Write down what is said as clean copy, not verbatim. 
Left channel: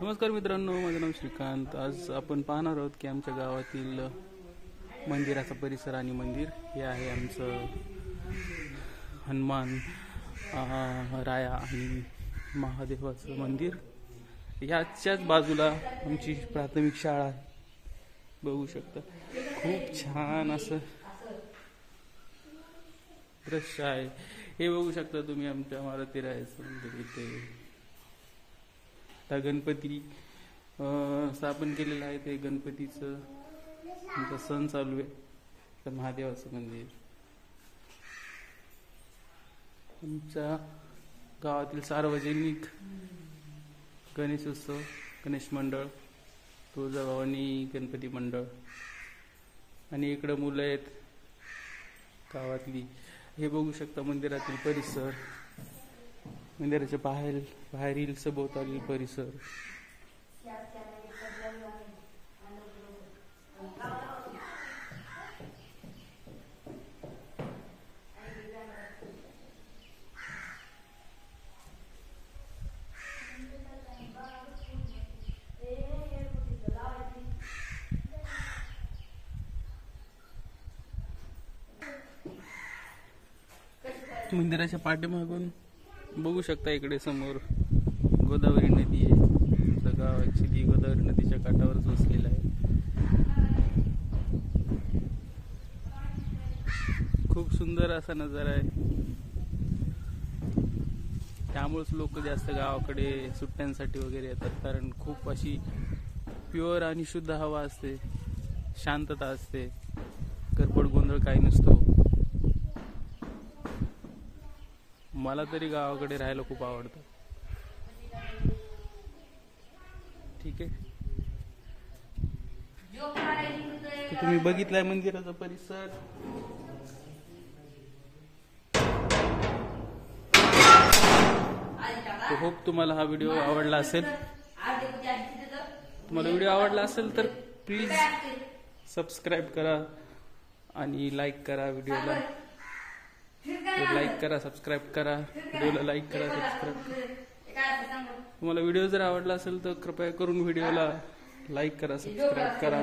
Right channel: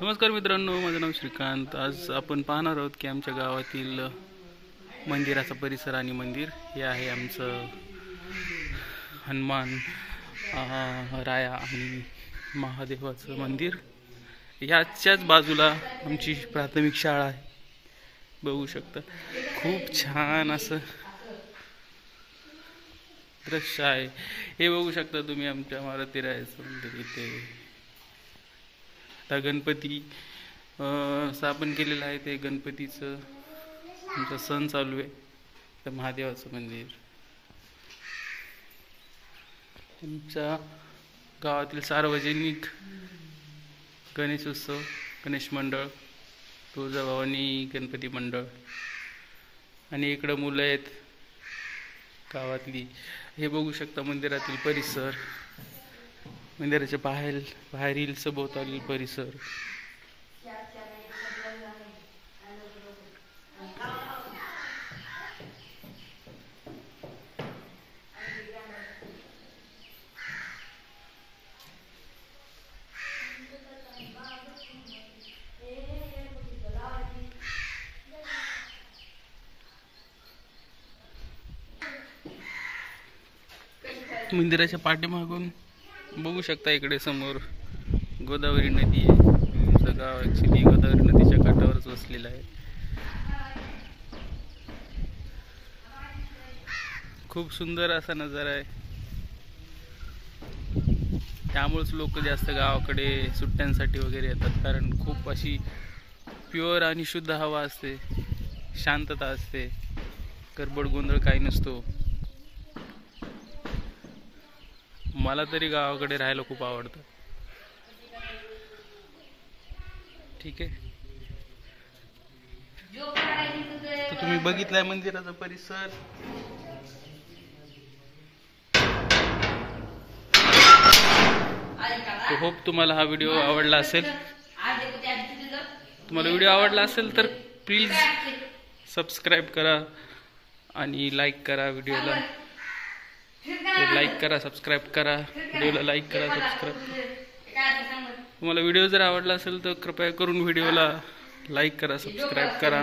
नमस्कार मित्रांनो, माझं नाव श्रीकांत। आज आपण पाहणार आहोत की आमच्या गावातील मंदिराचा परिसर आणि मंदिर हे आहे आमचं हनुमान राया आणि महादेवाचं मंदिर। याच्याच बाजूला आमची प्राथमिक शाळा आहे, बघू शकता। खूप छान असं दृश्य आहे हे बघू शकता तुम्ही। आमच्या मारुती रायाचं मंदिर इथे गणपती स्थापन केलेलं आहे। ते गणपतीचं आमचा सण चालू आहे। तर महादेवाचं मंदिर, आमच्या गावातील सार्वजनिक गणेश उत्सव, गणेश मंडळ, तुळजाभवानी गणपती मंडळ, आणि इकडं मुलं आहेत गावातली। हे बघू शकता मंदिरातील परिसर, मंदिराच्या बाहेरील सभोवतालील परिसर। मंदिराच्या पाठीमागून बघू शकता इकडे समोर गोदावरी नदी आहे। आमचं गाव ॲक्च्युली गोदावरी नदीच्या काठावरच वसलेलं आहे। खूप सुंदर असा नजारा आहे। त्यामुळेच लोक जास्त गावाकडे सुट्ट्यांसाठी वगैरे येतात, कारण खूप अशी प्युअर आणि शुद्ध हवा असते, शांतता असते, गडबड गोंधळ काही नसतो। मला तरी गावाकडे राहायला खूप आवडतं। ठीक आहे, तर तुम्ही बघितलाय मंदिराचा परिसर। होप तुम्हाला हा व्हिडिओ आवडला असेल। तुम्हाला व्हिडिओ आवडला असेल तर प्लीज सबस्क्राईब करा आणि लाईक करा। व्हिडिओला लाईक करा, सबस्क्राईब करा, व्हिडिओला लाईक करा, सबस्क्राईब करा। तुम्हाला व्हिडिओ जर आवडला असेल तर कृपया करून व्हिडिओला लाईक करा, सबस्क्राईब करा।